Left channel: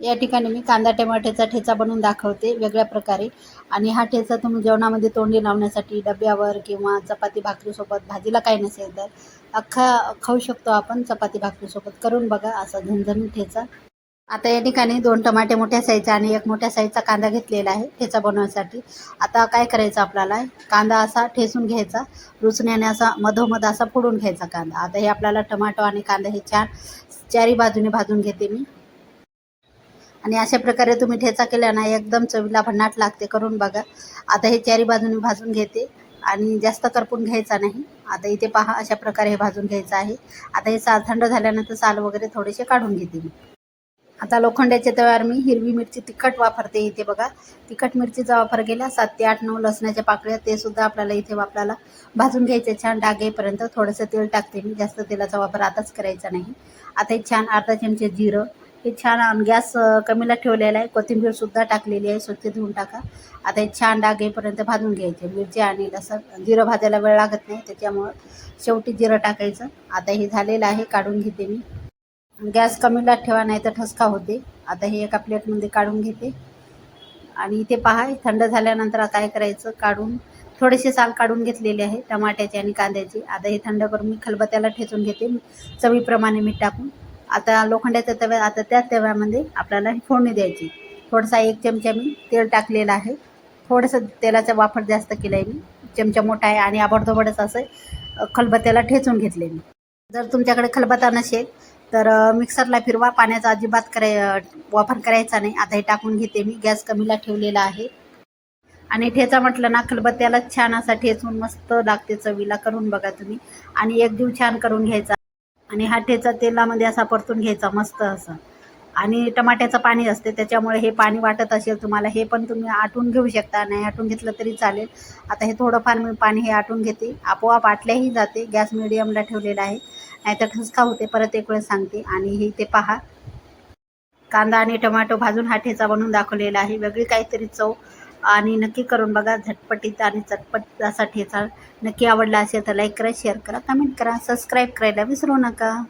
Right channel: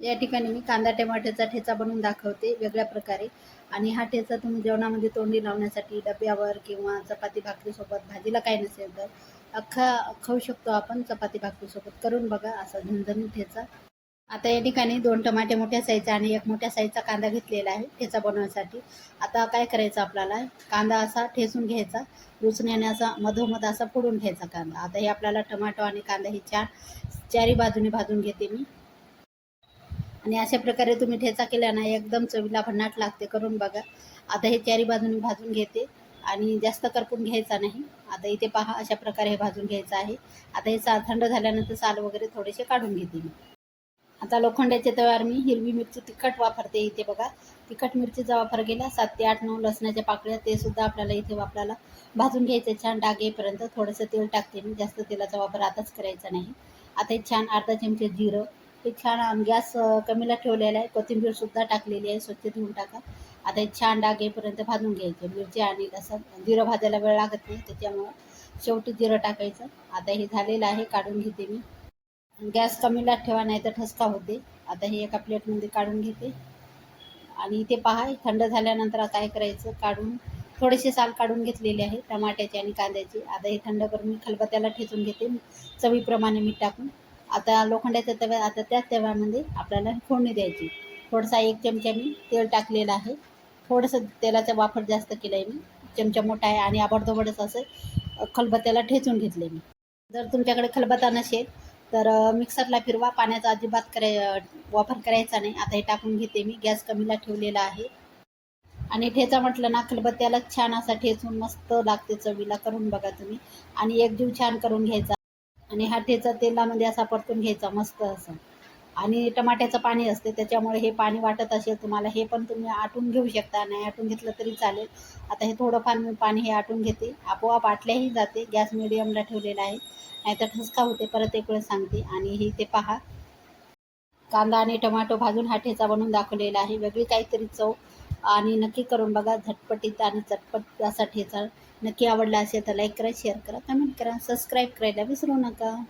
या ठिकाणी मी कांदा टमाट्याचा ठेचा बनवून दाखवते वेगळ्या प्रकारे. आणि हा ठेचा तुम्ही जेवणामध्ये तोंडी लावण्यासाठी डब्यावर किंवा चपाती भाकरीसोबत, भाजीला काही नसेल तर अख्खा खाऊ शकतो आपण चपाती भाकरीसोबत. करून बघा असा झणझणीत ठेचा. आता या ठिकाणी 2 टमाटे मोठ्या साईजचा आणि 1 मोठ्या साईजचा कांदा घेतलेला आहे ठेचा बनवण्यासाठी. आता काय करायचं आपल्याला, कांदा असा ठेचून घ्यायचा, रुचण्याने असा मधोमध असा फोडून घ्यायचा कांदा. आता हे आपल्याला टमाटो आणि कांदा हे छान चारी बाजूने भाजून घेते मी. आणि अशा प्रकारे तुम्ही ठेचा केला ना एकदम चवीला भन्नाट लागते. करून बघा. आता हे चारी बाजूने भाजून घेते आणि जास्त करपून घ्यायचा नाही. आता इथे पहा अशा प्रकारे हे भाजून घ्यायचं आहे. आता हे थंड झाल्यानंतर साल वगैरे थोडेसे काढून घेते मी. आता लोखंडाच्या तव्यावर मी हिरवी मिरची तिखट वापरते. इथे बघा तिखट मिरचीचा वापर केला. 7 ते 8 9 लसणाच्या पाकळ्या ते सुद्धा आपल्याला इथे आपल्याला भाजून घ्यायचे छान डाग येईपर्यंत. थोडंसं तेल टाकते मी, जास्त तेलाचा वापर आताच करायचा नाही. आता हे छान अर्धा चमचे जिरं, हे छान गॅस कमीला ठेवलेला आहे. कोथिंबीर सुद्धा टाकलेली आहे, स्वच्छ धुवून टाका. आता हे छान डाग येईपर्यंत भाजून घ्यायचे. मिरची आणि लसूण जिरं भाजायला वेळ लागत नाही, त्याच्यामुळं शेवटी जिरं टाकायचं. आता हे झालेलं आहे, काढून घेते मी. गॅस कमीला ठेवा नाही तर ठसका होते. आता हे एका प्लेटमध्ये काढून घेते. आणि इथे पहा थंड झाल्यानंतर काय करायचं, काढून थोडेसे साल काढून घेतलेले आहे टमाट्याचे आणि कांद्याचे. आता हे थंड करून मी खलबत्त्याला ठेचून घेते चवीप्रमाणे मीठ टाकून. आता लोखंडाच्या तव्यात, आता त्या तव्यामध्ये आपल्याला फोडणी द्यायची. थोडासा 1 चमचा मी तेल टाकलेलं आहे. थोडंसं तेलाचा वापर जास्त केला आहे मी, चमचा मोठा आहे. आणि आबडधोबडच असं खलबत्त्याला ठेचून घेतले मी. जर तुमच्याकडे खलबत्ता नसेल तर मिक्सरला फिरवा, पाण्याचा अजिबात वापर करायचा नाही. आता हे टाकून घेते मी, गॅस कमीला ठेवलेला आहे. आणि ठेचा म्हटलं ना खलबत्त्याला छान असा ठेचून मस्त लागते चवीला. करून बघा तुम्ही. आणि एक जीव छान करून घ्यायचा आणि हा ठेचा तेलामध्ये असा परतून घ्यायचा मस्त असं. आणि टमाट्याचं पाणी असते त्याच्यामुळे हे पाणी वाटत असेल तुम्हाला, हे पण तुम्ही आटून घेऊ शकता, नाही आटून घेतलं तरी चालेल. आता हे थोडंफार मी पाणी हे आटून घेते, आपोआप आटल्याही जाते. गॅस मिडियमला ठेवलेला आहे, नाहीतर ठसका होते. परत एक वेळ सांगते. आणि हे ते पहा कांदा आणि टोमॅटो भाजून हा ठेचा बनवून दाखवलेला आहे. वेगळी काहीतरी चव. आणि नक्की करून बघा. झटपटीत आणि चटपट असा ठेचा. नक्की आवडला असेल तर लाईक करा, शेअर करा, कमेंट करा, सबस्क्राईब करायला विसरू नका.